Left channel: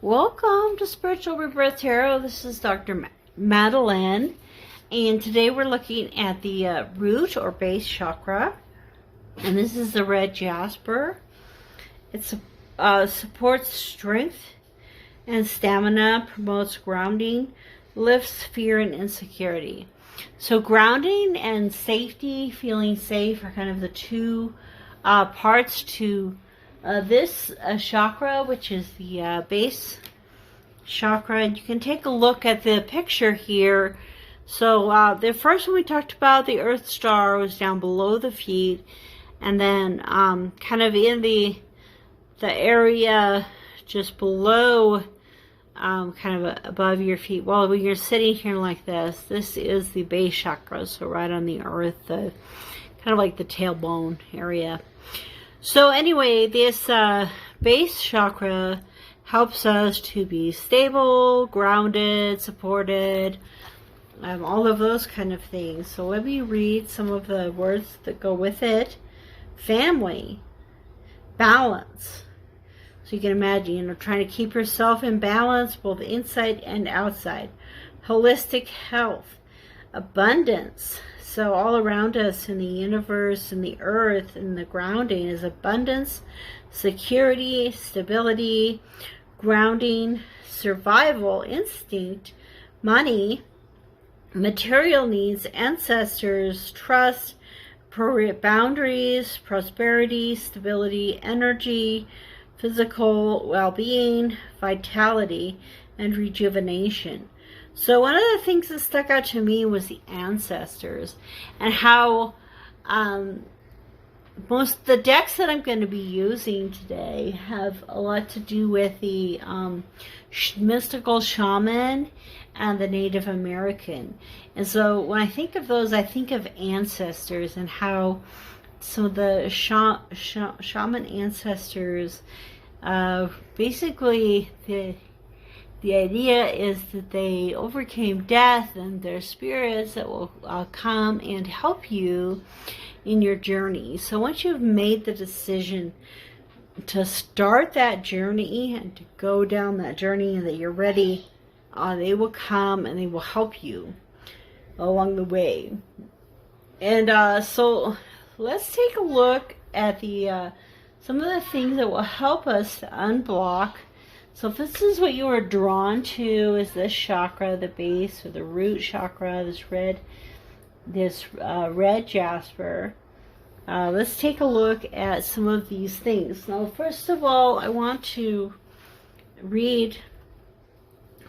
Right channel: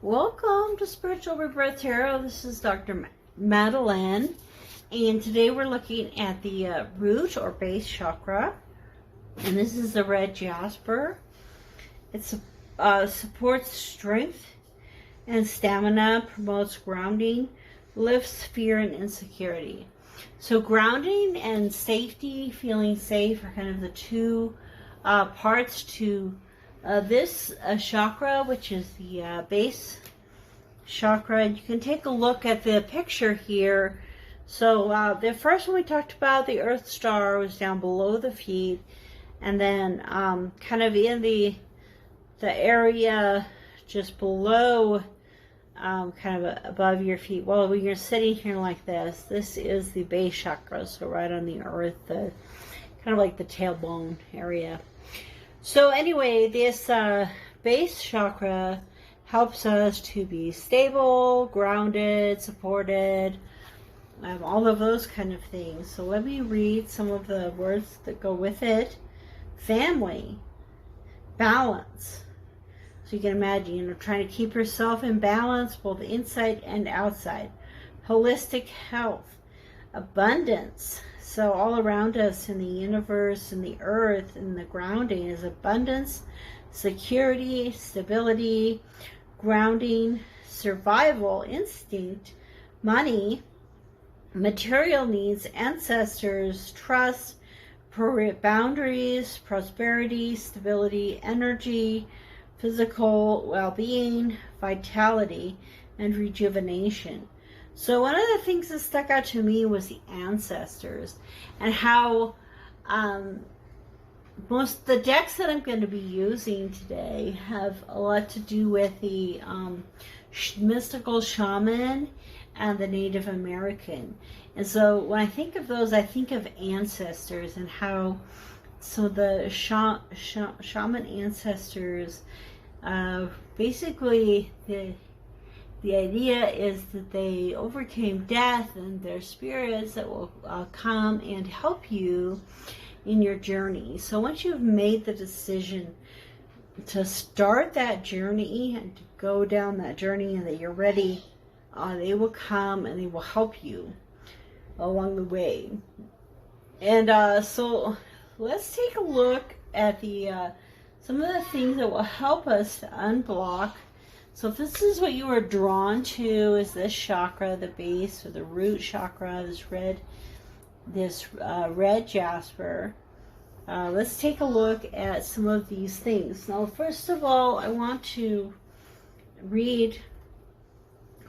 Welcome to Spiritual Rebirth Tarot. This is Dr. Madelyn, and today we're looking at the root or base chakra, and this is the red jasper. It supports strength and stamina, promotes grounding, lifts fear and insecurity. So grounding and safety, feeling safe, are kind of the two parts to this chakra, which is the base chakra. And you can take a look at the picture here. So the first one we talked about, the Earth Star, was down below the feet, and then kind of in the area just below, kind of above your feet. Well, when you're sitting here like this is the base chakra, so right on the earth, kind of like the tailbone area. So anyway, this base chakra helps us to be stable, grounded, supported, all of those kind of things. So let me read some of the words that go with it. Family, balance. So you can imagine, trying to keep yourself in balance, both inside and outside. Holistic health, abundance. So all around us in the universe and the earth and the grounding is abundance, security, stability, grounding, survival, instinct, money, material needs, ancestors, trust, boundaries, prosperity, stability, energy, physical well-being, vitality, and rejuvenation. So one of the things that stuck out to me was the ancestors, and how most the decks that I'm going to be using today have a lot to do with the mystical shaman and the Native American. And so when I think of those, I think of ancestors and how some of the shaman ancestors, basically the idea is that they overcame death, and they're spirits that will come and help you in your journey. So once you've made the decision to start that journey and to go down that journey and that you're ready, they will come and they will help you along the way. And so let's take a look at the some of the things that will help us to unblock. So if this is what you are drawn to, is this chakra, the base or the root chakra, this red jasper. Let's take a look at some of these things. Now, first of all, I want to read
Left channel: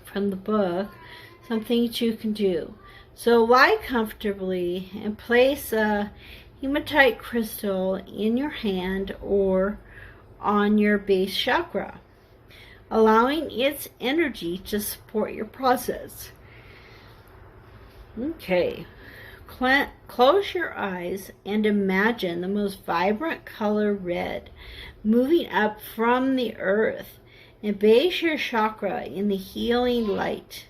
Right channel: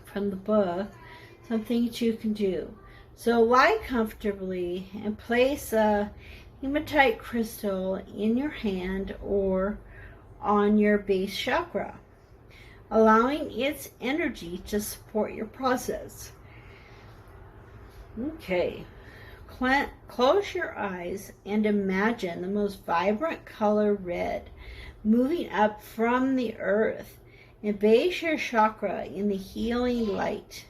from the book some things you can do. So lie comfortably and place a hematite crystal in your hand or on your base chakra, allowing its energy to support your process. Okay, close your eyes and imagine the most vibrant color red moving up from the earth and base your chakra in the healing light,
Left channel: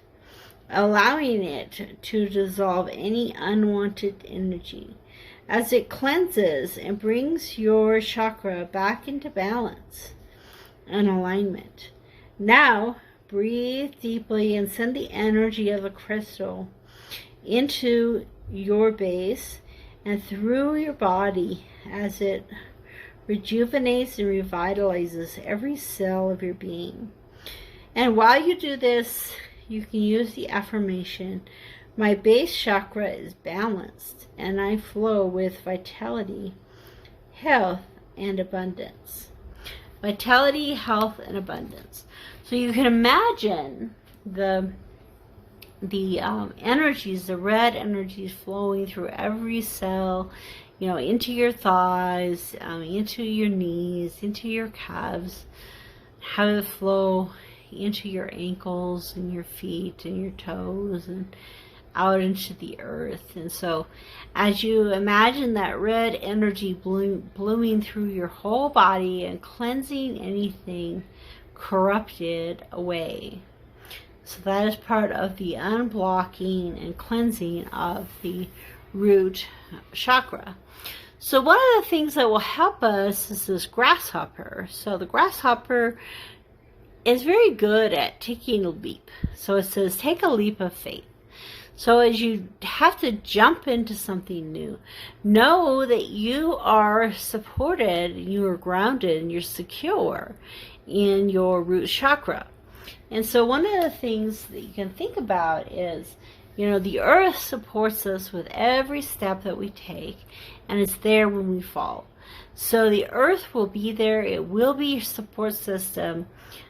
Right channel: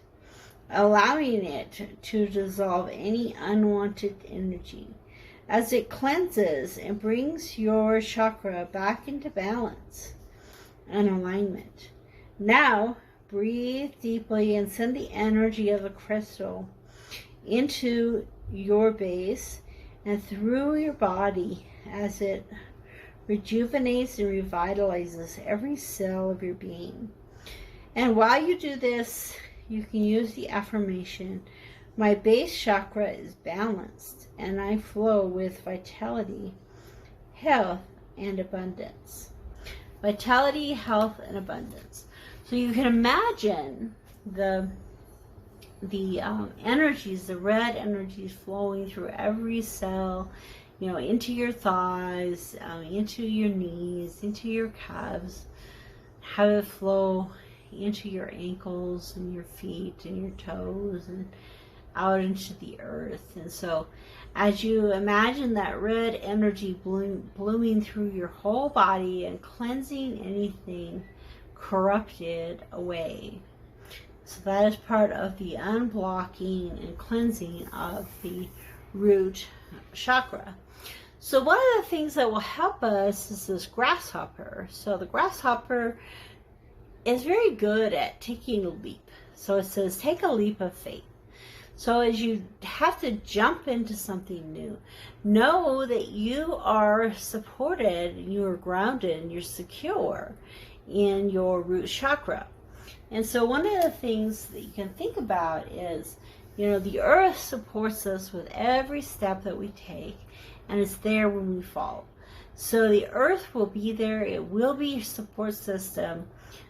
allowing it to dissolve any unwanted energy as it cleanses and brings your chakra back into balance and alignment. Now, breathe deeply and send the energy of the crystal into your base and through your body as it rejuvenates and revitalizes every cell of your being. And while you do this, you can use the affirmation, my base chakra is balanced and I flow with vitality, health, and abundance. Vitality, health, and abundance. So you can imagine the energies, the red energies flowing through every cell, into your thighs, into your knees, into your calves, have it flow into your ankles and your feet and your toes and out into the earth. And so as you imagine that red energy blooming through your whole body and cleansing anything corrupted away. So that is part of the unblocking and cleansing of the root chakra. So one of the things that will help us is this grasshopper. So the grasshopper is very good at taking a leap. So it says, take a leap of faith. So as you have to jump into something new, know that you are supported, you are grounded, and you're secure in your root chakra. And so one of the things that you can think about is, you know, the earth supports us with every step that we take, and it's there when we fall. So the earth will be there. It will be your support system,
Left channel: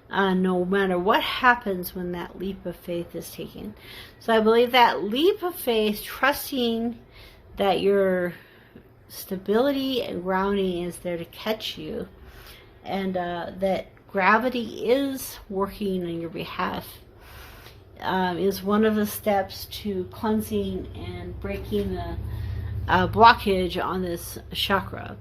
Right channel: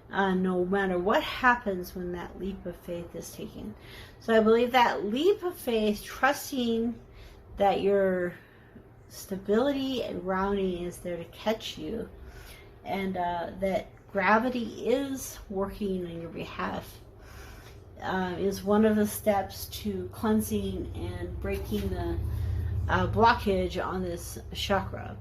no matter what happens when that leap of faith is taken. So I believe that leap of faith, trusting that your stability and grounding is there to catch you, and that gravity is working on your behalf, is one of the steps to cleansing and breaking the blockage on this chakra.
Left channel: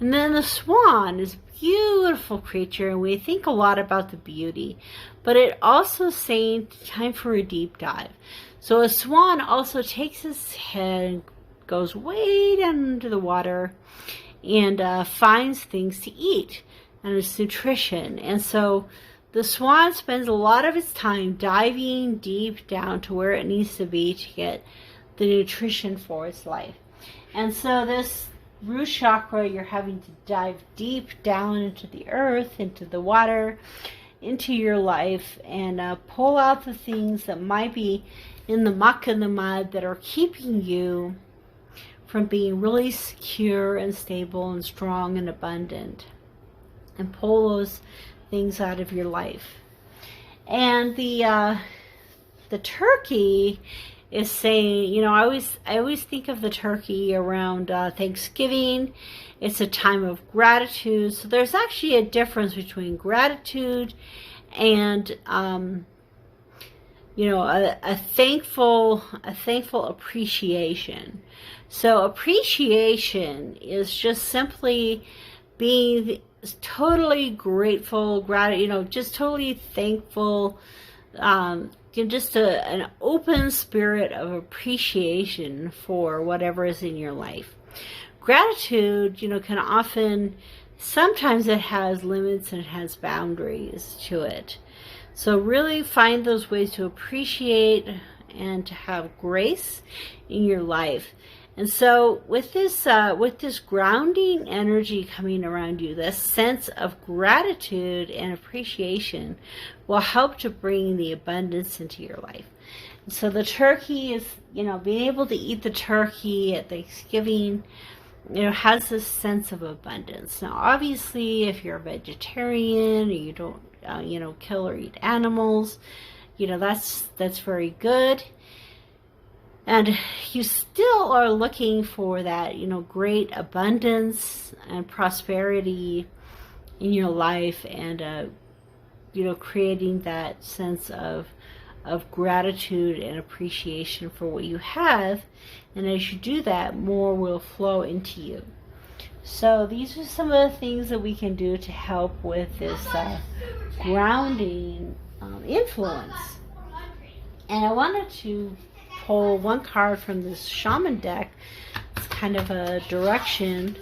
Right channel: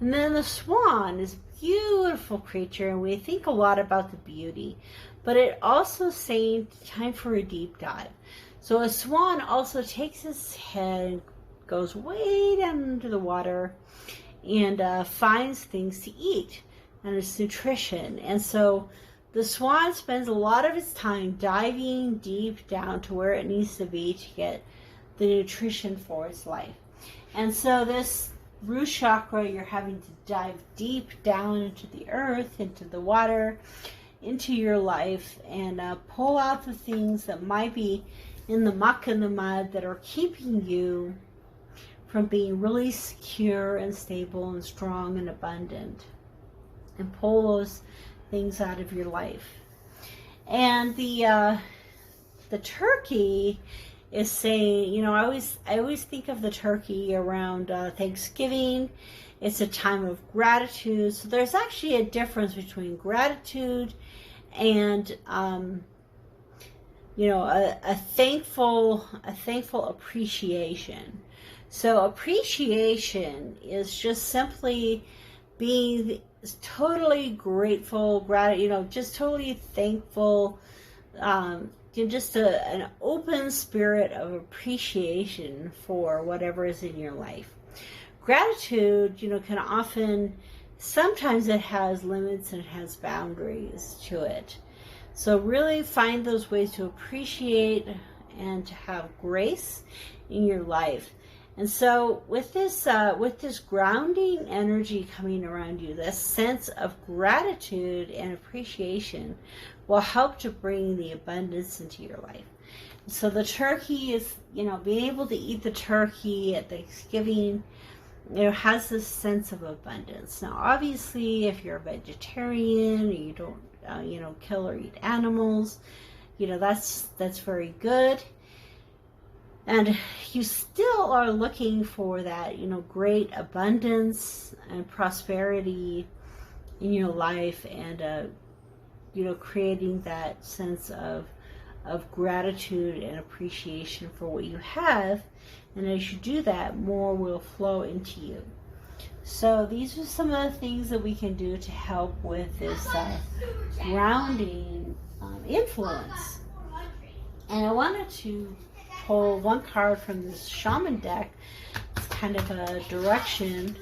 And then the swan is a beautiful creature, and we think a lot about the beauty, but it also saying time for a deep dive. So a swan also takes its head, goes way down into the water, and finds things to eat, and its nutrition. And so the swan spends a lot of its time diving deep down to where it needs to be to get the nutrition for its life. And so this root chakra, you're having to dive deep down into the earth, into the water, into your life, and pull out the things that might be in the muck and the mud that are keeping you from being really secure and stable and strong and abundant, and pull those things out of your life. And the turkey is saying, you know, I always think of the turkey around Thanksgiving. It's a time of gratitude. So there's actually a difference between gratitude and you know, a thankful appreciation. So appreciation is just simply being totally grateful, you know, just totally thankful, just an open spirit of appreciation for whatever is in your life. Gratitude, you know, can often, sometimes it has limits and it has boundaries to it. So really find those ways to appreciate and to have grace in your life. And so with this grounding energy coming around you, this sense of gratitude and appreciation will help to bring the abundance into your life. And so the turkey is, you know, being able to eat the turkey at Thanksgiving, you know, has this sense of abundance. Now, obviously, if you're a vegetarian or you don't, you know, kill or eat animals, you know, that's very good. And you still are looking for that, you know, great abundance and prosperity in your life, and, you know, creating that sense of gratitude and appreciation for what you have. And as you do that, more will flow into you. So these are some of the things that we can do to help with this grounding influence. And I wanted to pull one card from this Shaman deck. It's kind of a direction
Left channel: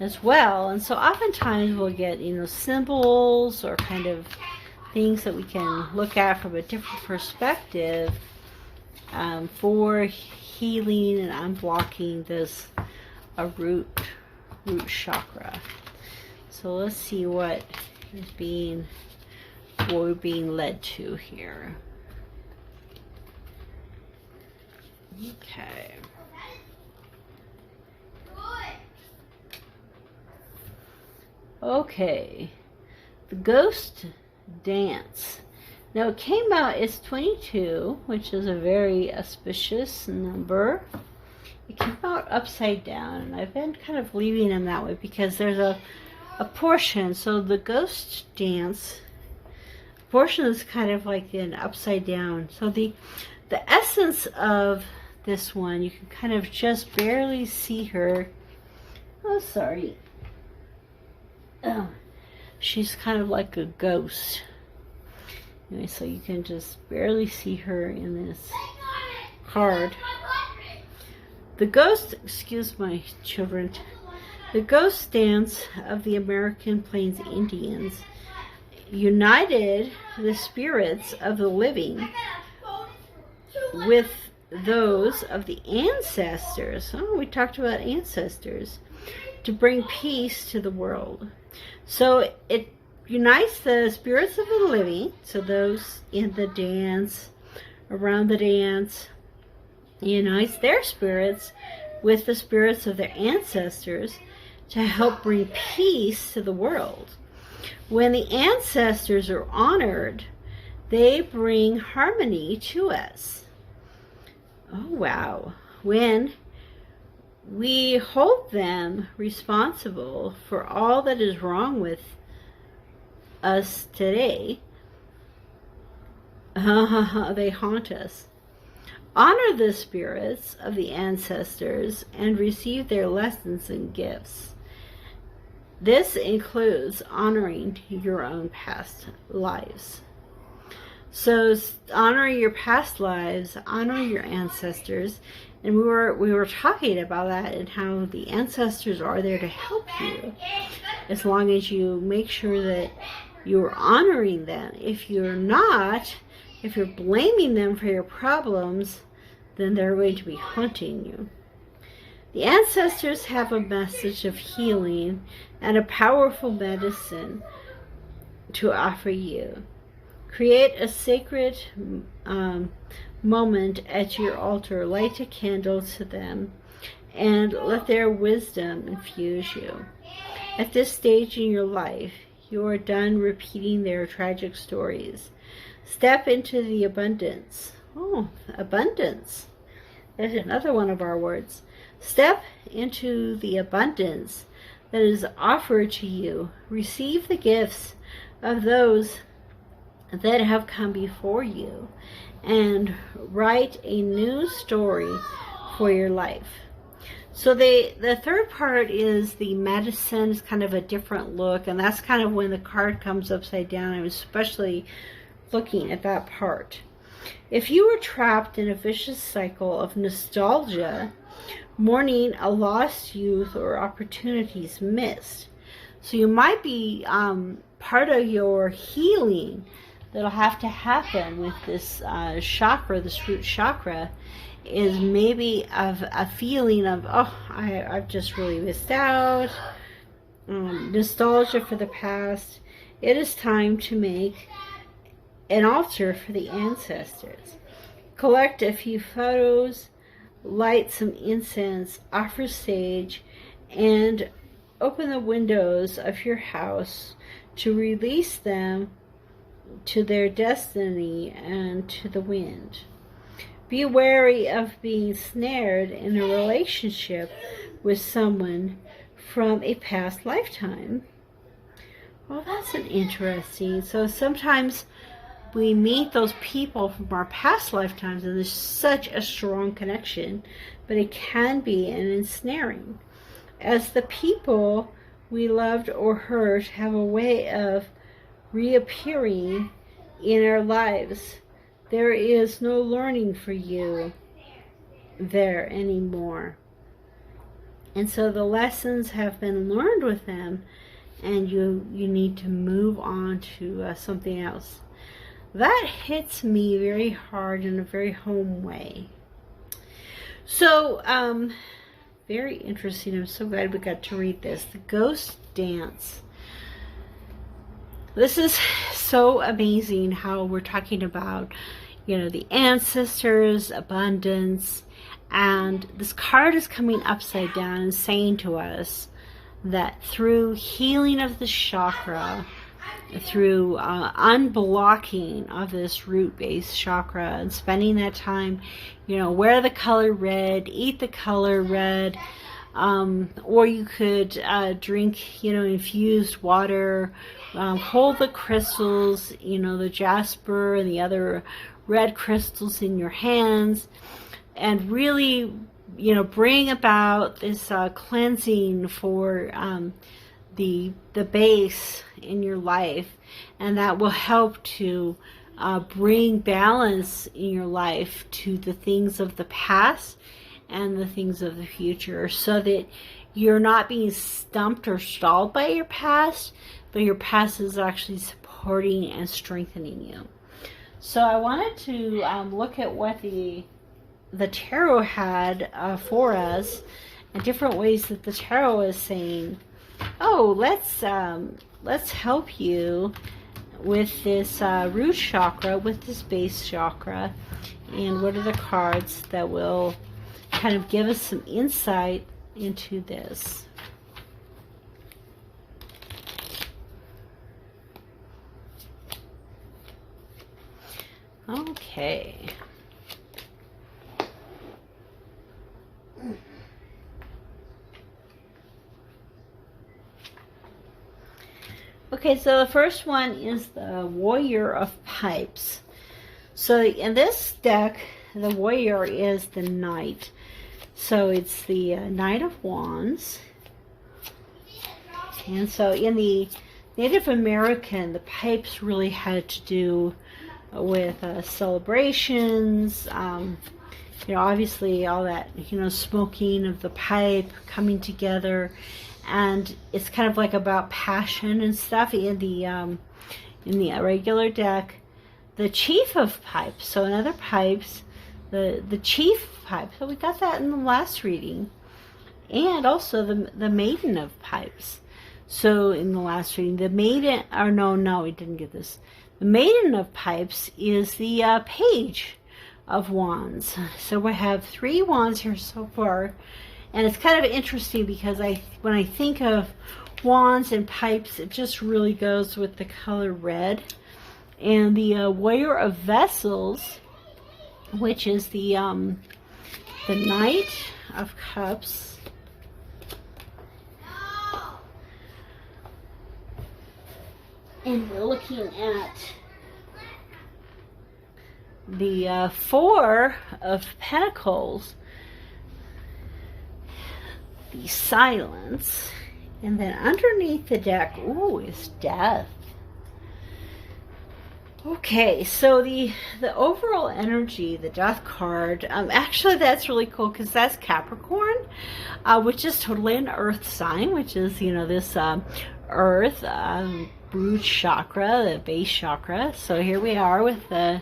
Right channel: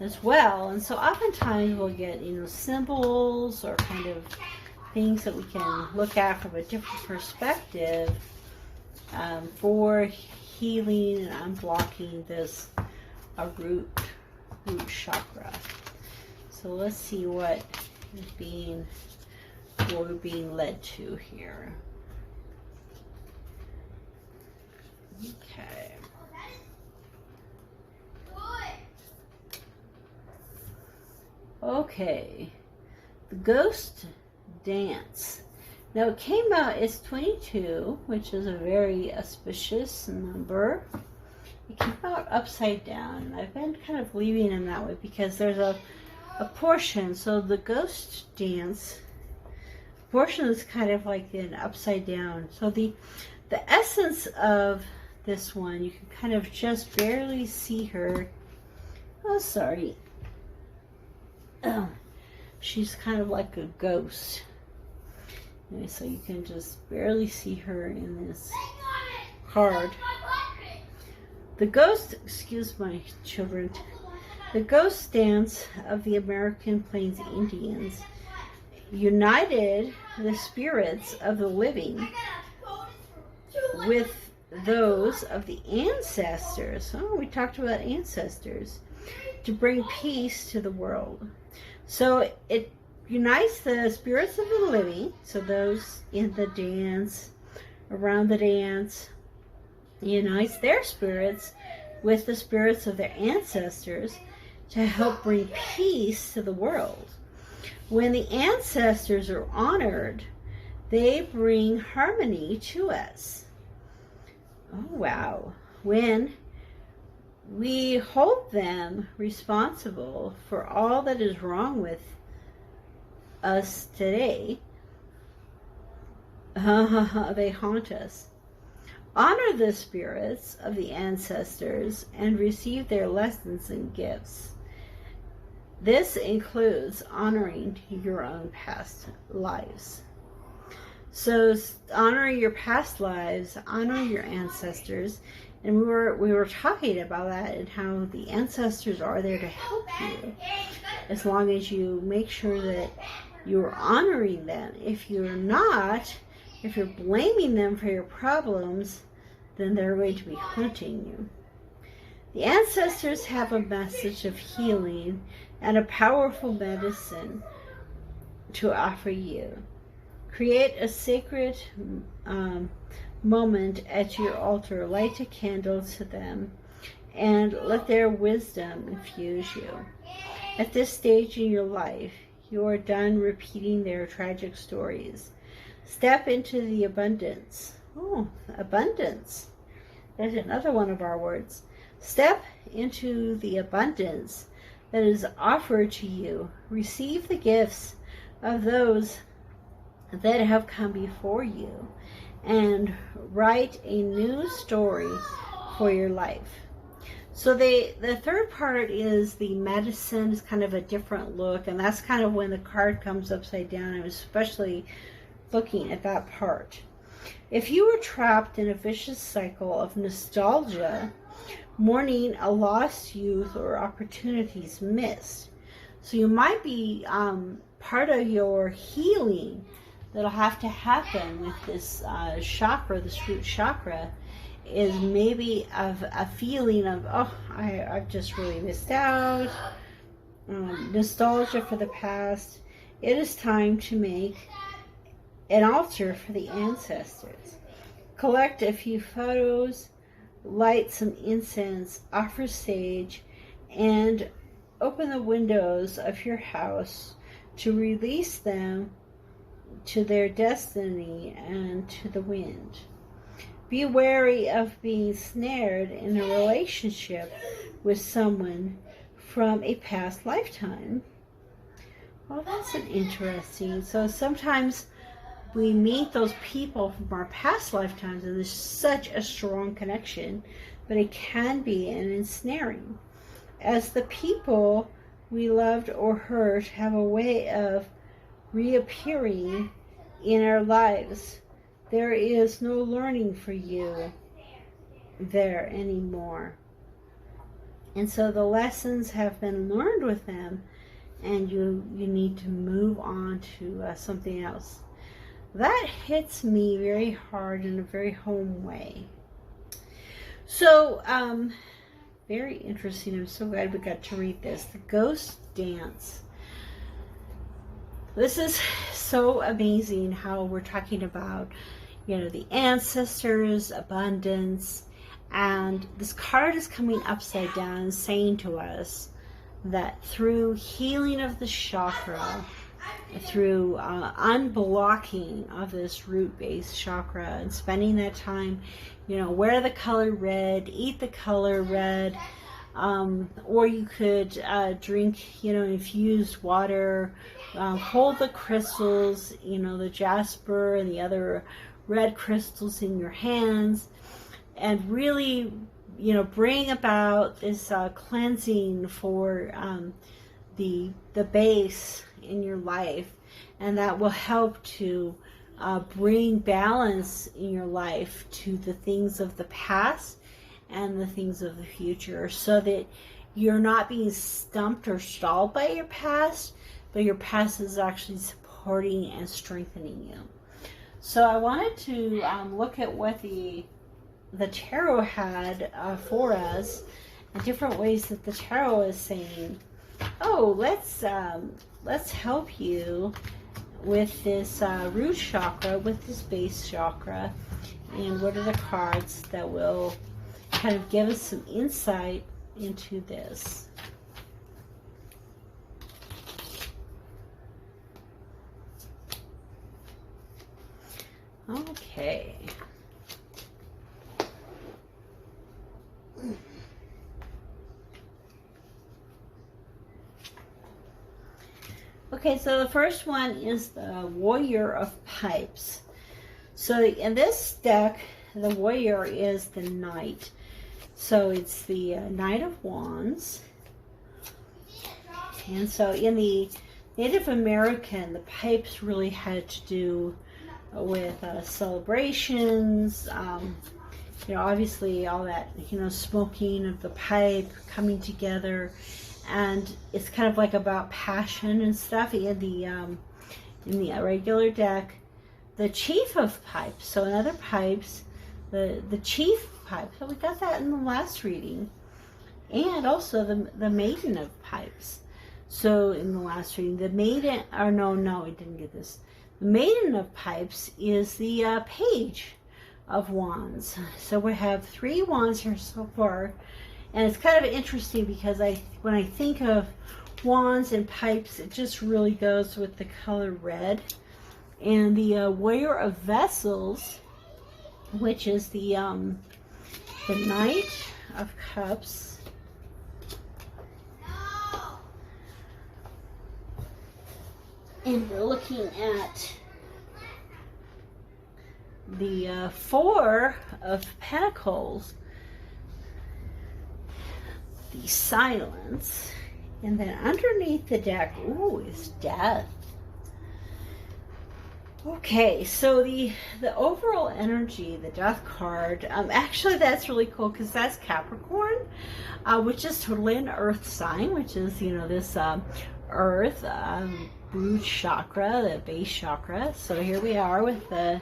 as well. And so oftentimes we'll get, you know, symbols or kind of things that we can look at from a different perspective for healing and unblocking this root chakra. So let's see what we're being led to here. Okay. Okay. The Ghost Dance. Now it came out, it's 22, which is a very auspicious number. It came out upside down, and I've been kind of leaving them that way because there's a portion. So the Ghost Dance portion is kind of like an upside down. So the essence of this one, you can kind of just barely see her. Oh, sorry. Oh, she's kind of like a ghost. Anyway, so you can just barely see her in this card. The ghost, excuse my children, the Ghost Dance of the American Plains Indians united the spirits of the living with those of the ancestors. Oh, we talked about ancestors. To bring peace to the world. So it unites the spirits of the living, so those in the dance, around the dance, unites their spirits with the spirits of their ancestors to help bring peace to the world. When the ancestors are honored, they bring harmony to us. Oh, wow. When we hold them responsible for all that is wrong with us today, they haunt us. Honor the spirits of the ancestors and receive their lessons and gifts. This includes honoring your own past lives. So honor your past lives, honor your ancestors, and we were talking about that and how the ancestors are there to help you, as long as you make sure that you're honoring them. If you're not, if you're blaming them for your problems, then they're going to be haunting you. The ancestors have a message of healing and a powerful medicine to offer you. Create a sacred moment at your altar. Light a candle to them and let their wisdom infuse you. At this stage in your life, you are done repeating their tragic stories. Step into the abundance. Oh, abundance. There's another one of our words. Step into the abundance that is offered to you. Receive the gifts of those that have come before you and write a new story for your life. So the third part is the medicine. It's kind of a different look, and that's kind of when the card comes upside down. I'm especially looking at that part. If you were trapped in a vicious cycle of nostalgia, mourning a lost youth or opportunities missed, so you might be part of your healing that'll have to happen with this chakra, this root chakra, is maybe of a feeling of, oh, I've just really missed out, nostalgia for the past. It is time to make an altar for the ancestors. Collect a few photos, light some incense, offer sage, and open the windows of your house to release them to their destiny and to the wind. Be wary of being snared in a relationship with someone from a past lifetime. Well, that's an interesting. So sometimes we meet those people from our past lifetimes and there's such a strong connection, but it can be an ensnaring, as the people we loved or hurt have a way of reappearing in our lives. There is no learning for you there anymore. And so the lessons have been learned with them, and you need to move on to something else. That hits me very hard in a very home way. So, very interesting. I'm so glad we got to read this. The Ghost Dance. This is so amazing how we're talking about, the ancestors, abundance, and this card is coming upside down and saying to us that through healing of the chakra, through unblocking of this root-based chakra and spending that time, wear the color red, eat the color red, or you could drink, infused water, hold the crystals, the jasper and the other red crystals in your hands, and really, bring about this cleansing for the base in your life, and that will help to bring balance in your life to the things of the past and the things of the future, so that you're not being stumped or stalled by your past, but your past is actually supporting and strengthening you. So I wanted to look at what the tarot had for us, and different ways that the tarot is saying, oh, let's help you with this root chakra, with this base chakra. And what are the cards that will kind of give us some insight into this? Okay. Okay, so the first one is the Warrior of Pipes. So in this deck, the Warrior is the Knight. So it's the Knight of Wands. And so in the Native American, the pipes really had to do with celebrations, you know, obviously all that, you know, smoking of the pipe, coming together. And it's kind of like about passion and stuff. In the regular deck, the Chief of Pipes, so in other pipes, the Chief of Pipes, so we got that in the last reading, and also the Maiden of Pipes. So in the last reading, the Maiden, or no, we didn't get this. The Maiden of Pipes is the Page of Wands. So we have 3 wands here so far. And it's kind of interesting because when I think of wands and pipes, it just really goes with the color red. And the Warrior of Vessels, which is the Knight of Cups. And we're looking at the 4 of Pentacles, the Silence, and then underneath the deck, ooh, is Death. Okay, so the overall energy, the Death card, actually that's really cool because that's Capricorn, which is totally an earth sign, which is, you know, this earth, root chakra, the base chakra. So here we are with the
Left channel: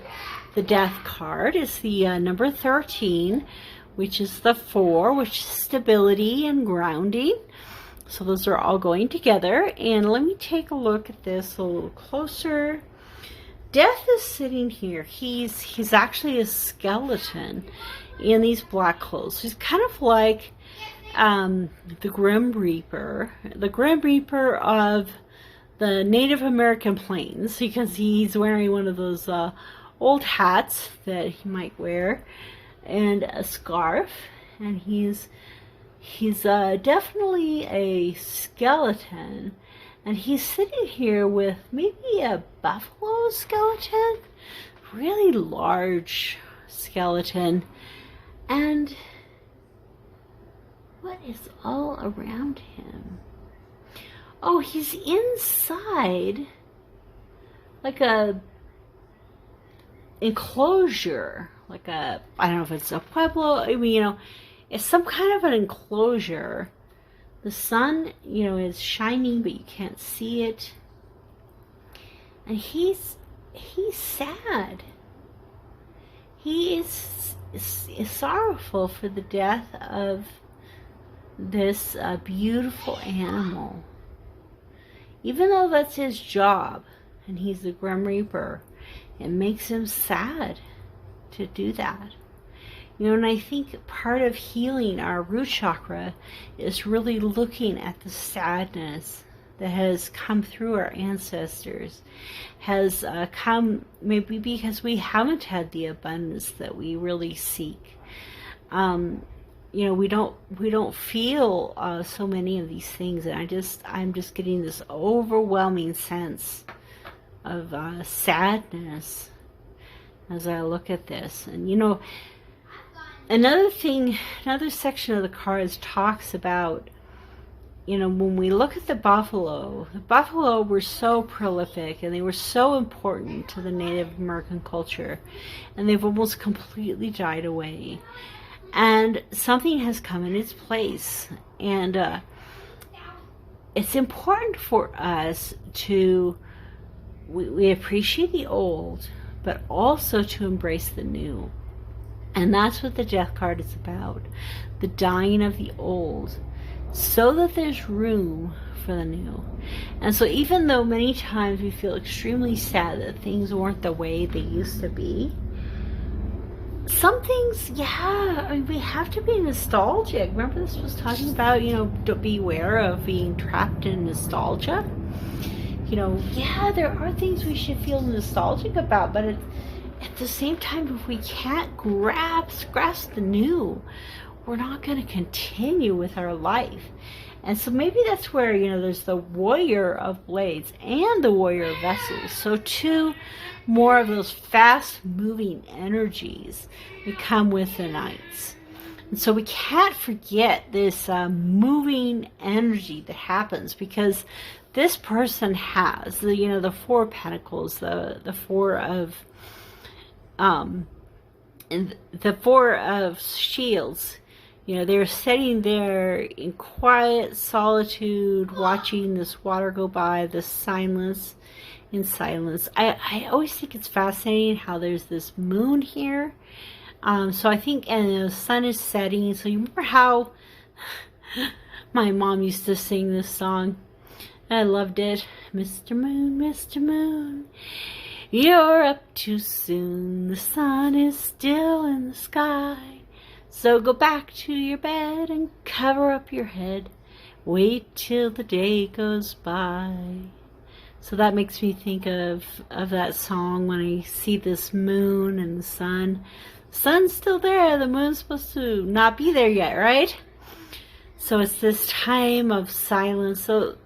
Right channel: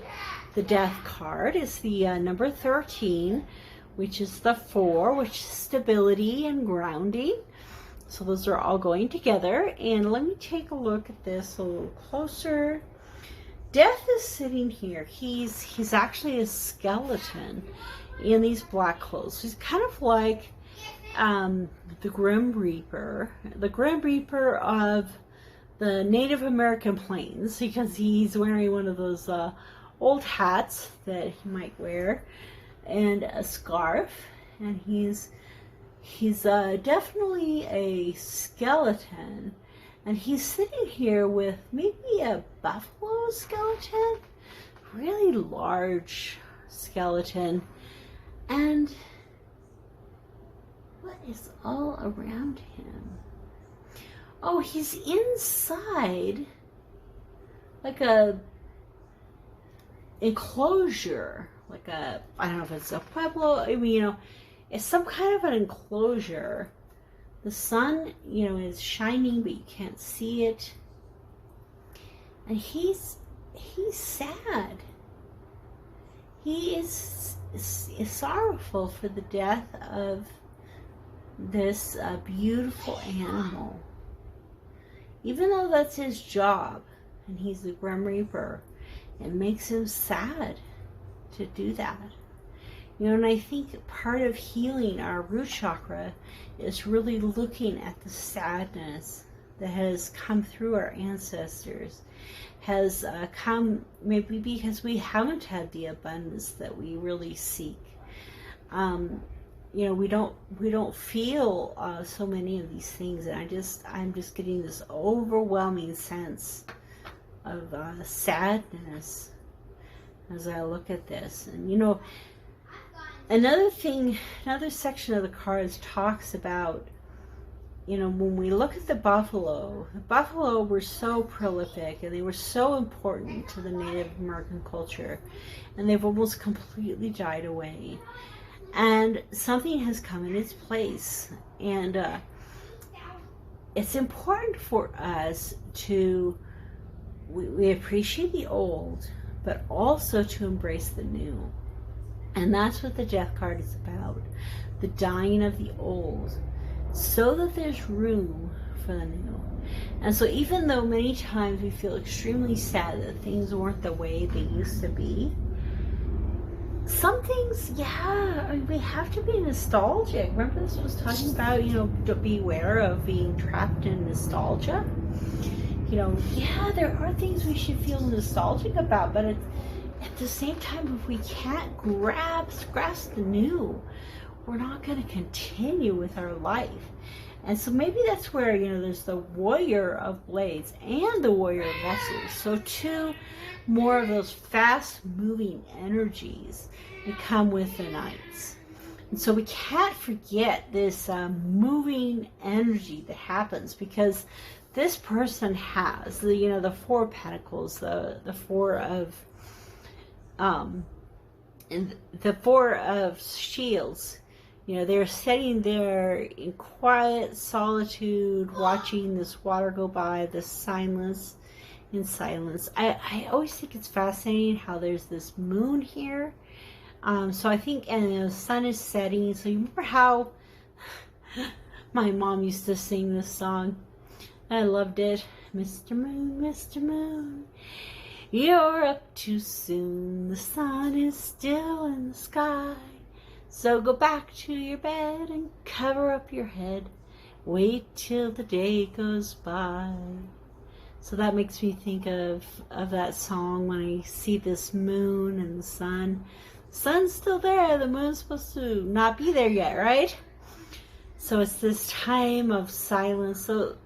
Death card. It's the number 13, which is the 4, which is stability and grounding. So those are all going together. And let me take a look at this a little closer. Death is sitting here. He's actually a skeleton in these black clothes. He's kind of like the Grim Reaper. The Grim Reaper of the Native American plains, because he's wearing one of those old hats that he might wear, and a scarf, and he's definitely a skeleton, and he's sitting here with maybe a buffalo skeleton, really large skeleton, and what is all around him? Oh, he's inside like a enclosure, like a, I don't know if it's a pueblo, I mean, you know, it's some kind of an enclosure. The sun, you know, is shining, but you can't see it. And he's sad. He is sorrowful for the death of this beautiful animal. Even though that's his job, and he's the Grim Reaper, it makes him sad to do that. You know, and I think part of healing our root chakra is really looking at the sadness that has come through our ancestors, has come maybe because we haven't had the abundance that we really seek. You know, we don't feel so many of these things, and I'm just getting this overwhelming sense of sadness as I look at this. And you know, another section of the cards talks about, you know, when we look at the buffalo were so prolific and they were so important to the Native American culture, and they've almost completely died away. And something has come in its place, and it's important for us to we appreciate the old, but also to embrace the new. And that's what the Death card is about. The dying of the old, so that there's room for the new. And so even though many times we feel extremely sad that things weren't the way they used to be, some things, yeah, I mean, we have to be nostalgic. Remember this was talking about, you know, to beware of being trapped in nostalgia. You know, yeah, there are things we should feel nostalgic about, but at the same time, if we can't grasp the new, we're not going to continue with our life. And so maybe that's where, you know, there's the Warrior of Blades and the Warrior of Vessels. So two more of those fast-moving energies that come with the Knights. And so we can't forget this moving energy that happens, because this person has the, you know, the Four of Pentacles, the Four of and the Four of Shields. You know, they're sitting there in quiet solitude, watching this water go by, the silence, in silence. I always think it's fascinating how there's this moon here. So I think, and the sun is setting. So you remember how my mom used to sing this song? I loved it. Mr. Moon, you're up too soon. The sun is still in the sky. So go back to your bed and cover up your head. Wait till the day goes by. So that makes me think of that song when I see this moon and the sun. The sun's still there. The moon's supposed to not be there yet, right? So it's this time of silence. So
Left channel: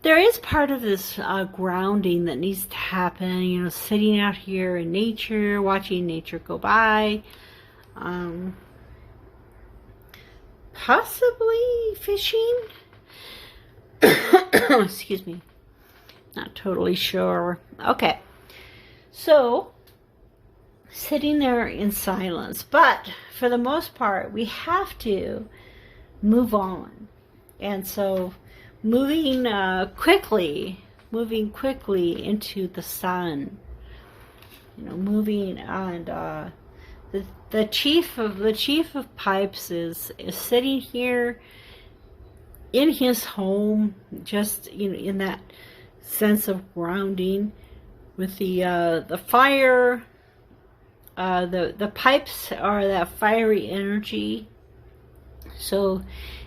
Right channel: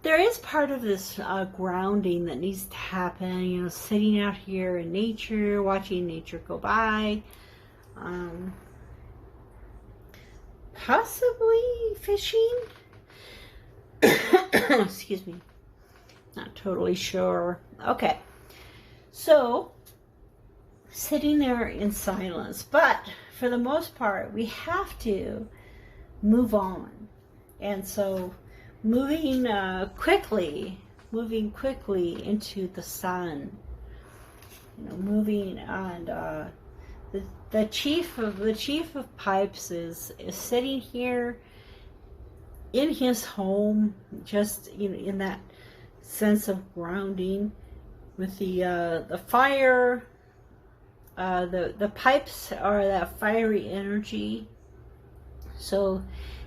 there is part of this grounding that needs to happen. You know, sitting out here in nature, watching nature go by. Possibly fishing. Excuse me. Not totally sure. Okay. So, sitting there in silence. But, for the most part, we have to move on. And so, moving quickly into the sun. You know, moving and the chief of pipes is sitting here in his home, just, you know, in that sense of grounding, with the fire. The pipes are that fiery energy. So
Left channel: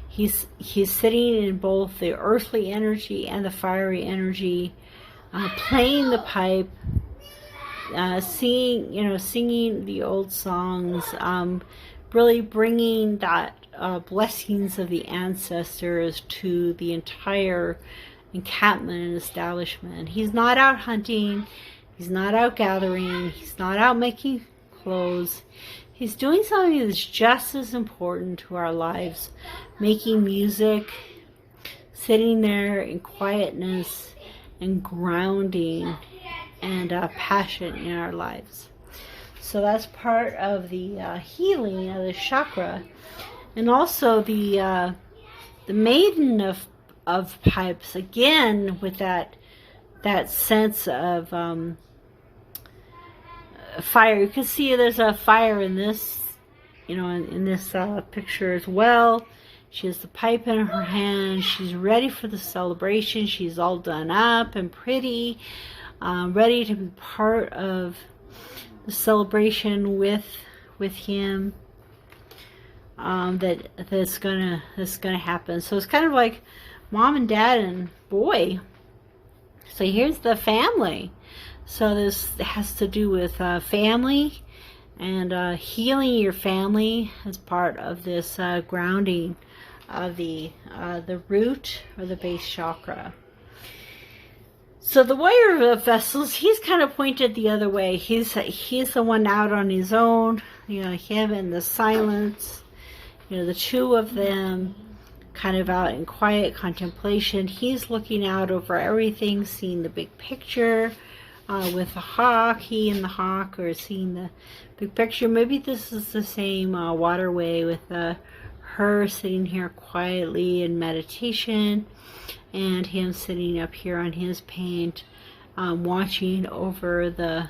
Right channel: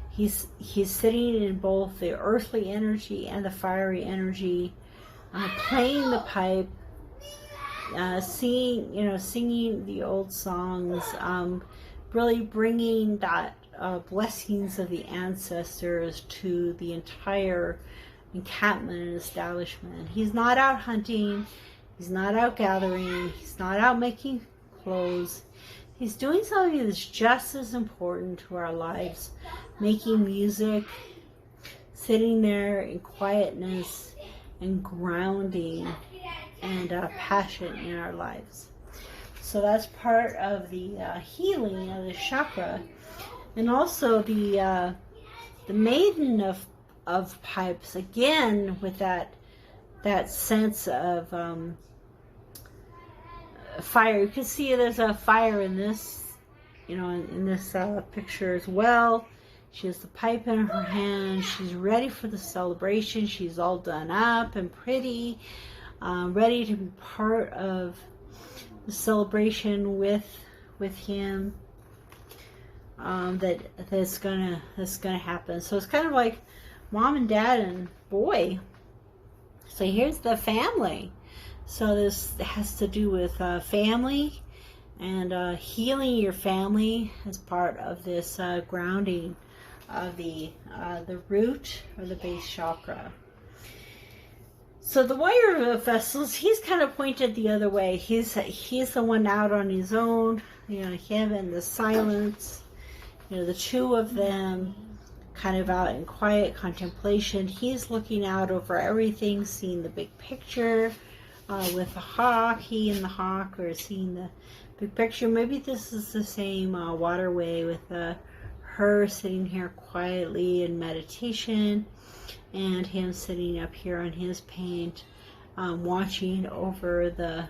he's sitting in both the earthly energy and the fiery energy, playing the pipe. Singing the old songs, really bringing that blessings of the ancestors to the entire encampment and establishment. He's not out hunting, he's not out gathering, he's not out making clothes. He's doing something that's just as important to our lives, making music, sitting there in quietness and grounding and passion in our lives. So that's part of the healing of the chakra, and also the maiden of pipes, again with that sense of fire. You can see there's a fire in this, you know, in this picture as well. She has the pipe in her hand. She's ready for the celebration. She's all done up and pretty. Ready to be part of the celebration with him. That's gonna happen. So it's kind of like mom and dad and boy. So here's the family. So this has to do with family and healing your family as part of this grounding of the root or the base chakra. So the Warrior of Vessels, he's kind of pointed the other way. He's the one out on his own. You know, him in the silence. You know, the two of them kind of out in quiet contemplation. He's looking out over everything, seeing the big picture with the hawk. He and the hawk are seeing the big picture. Maybe this is the same waterway with her sitting here quietly in meditation, and him sitting up here on his paint, watching over the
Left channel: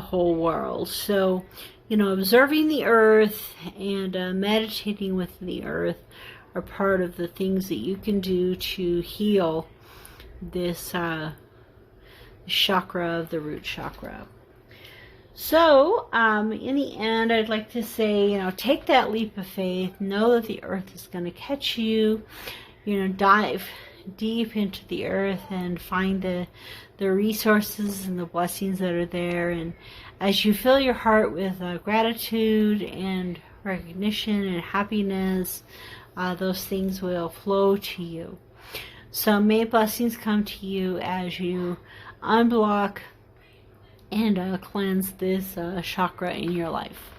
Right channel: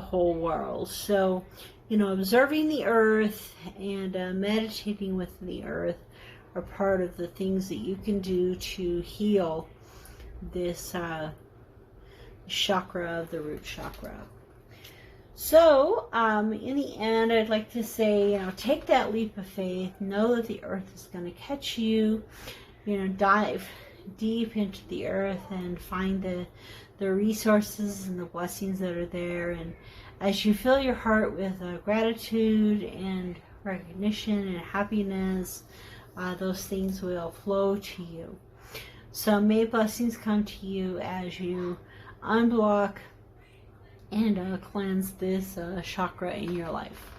whole world. So, you know, observing the earth and meditating with the earth are part of the things that you can do to heal this chakra of the root chakra. So, in the end, I'd like to say, you know, take that leap of faith. Know that the earth is going to catch you. You know, dive deep into the earth and find the resources and the blessings that are there. And as you fill your heart with gratitude and recognition and happiness, those things will flow to you. So may blessings come to you as you unblock and cleanse this chakra in your life.